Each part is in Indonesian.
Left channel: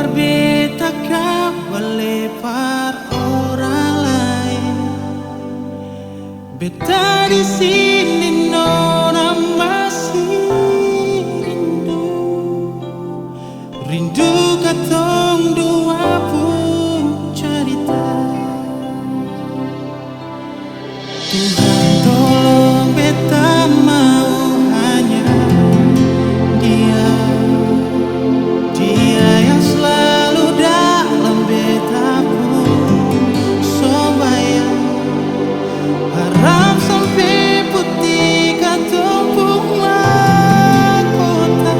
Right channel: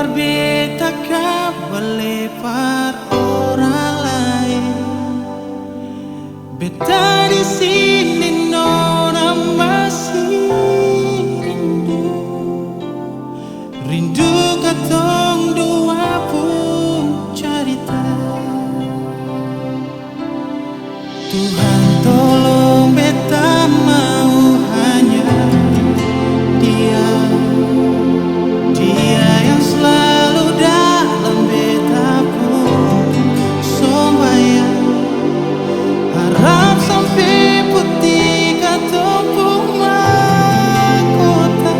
par beta kabale par orang lain. Beta di sini nona masih rindu katong dua pun cerita. Tuhan tolong beta mau hanya Dia yang selalu dalam beta pun sembahyang. Harap sampai putih katong pun mahkota.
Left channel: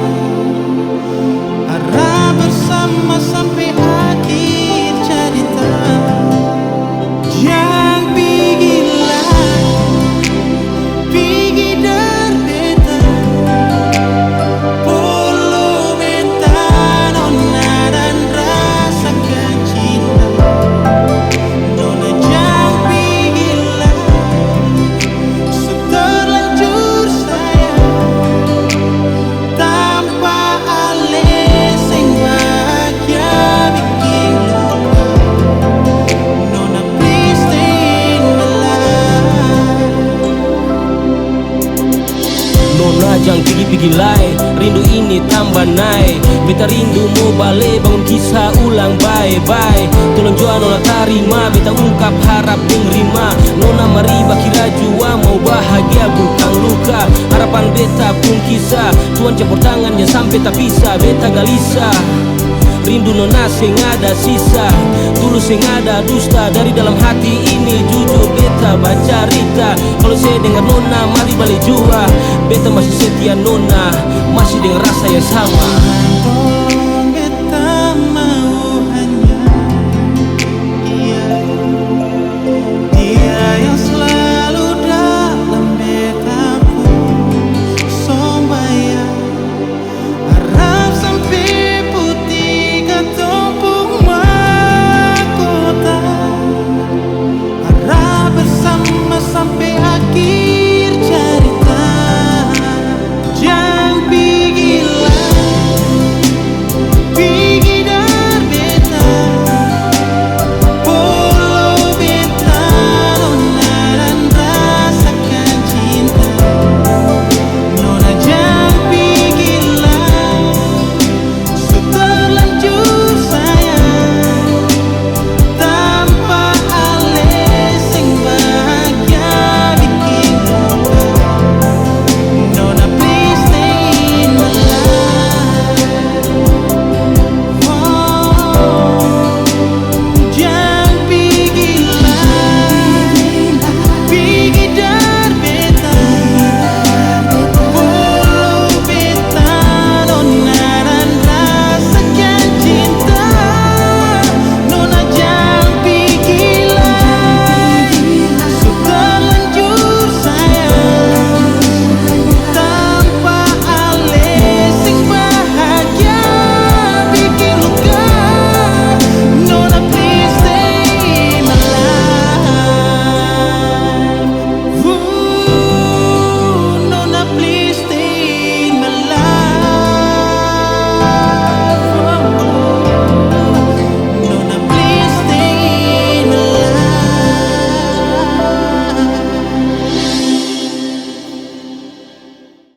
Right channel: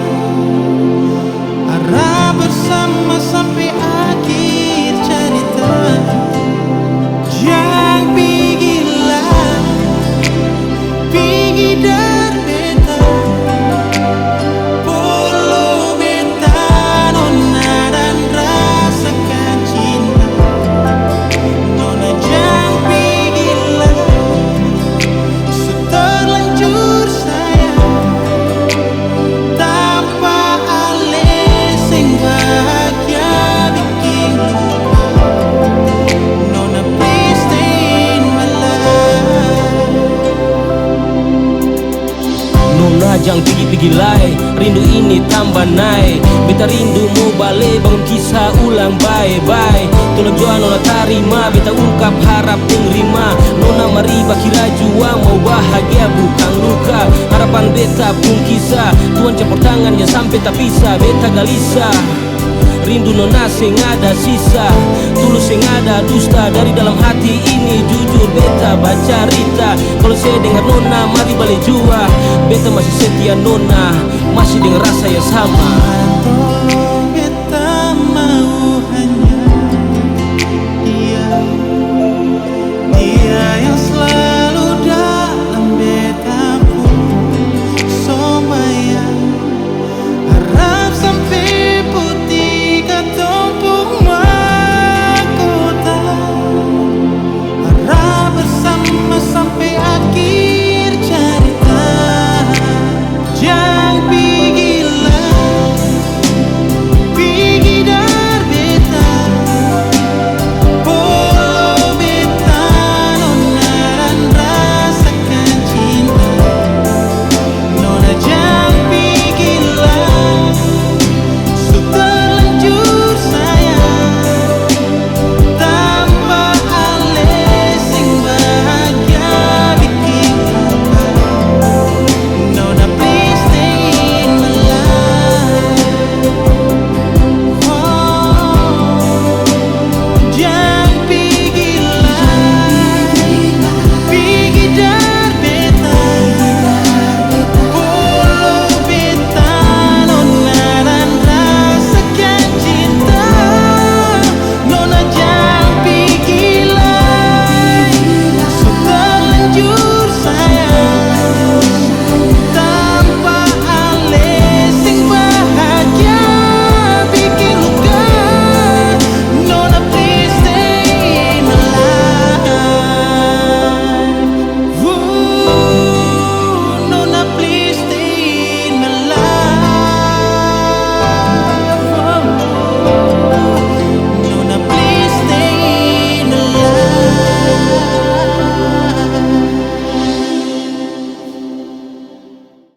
Harap bersama sampai akhir cerita. Jangan pergilah, pergi dari beta. Polo beta nona dan rasakan cinta. Nona jangan pergilah, seterlanjur sayang. Tanpa alis yang bahagia bikin luka. Nona please stay in my life. Nona jangan pergi-pergi lai, rindu ini tambah naik. Beta rindu mau balik, bangun kisah ulang bye-bye. Tolong jua nona tarima, beta ungkap harap deng rima. Nona mari bakira jua mau bahagia bukan luka. Harapan beta pun kisah, Tuhan campur tangan jangan sampai tak pisah. Beta galisa, rindu nona sing ada sisa, tulus sing ada dusta. Dari dalam hati ini jujur beta baca rita. Kalau saya dengar nona mari balik jua. Beta masih setia nona, masih dengan rasa yang sama. Tuhan tolong beta mau hanya Dia yang selalu dalam beta pun sembahyang. Harap sampai putih katong pun mahkota. Harap bersama sampai akhir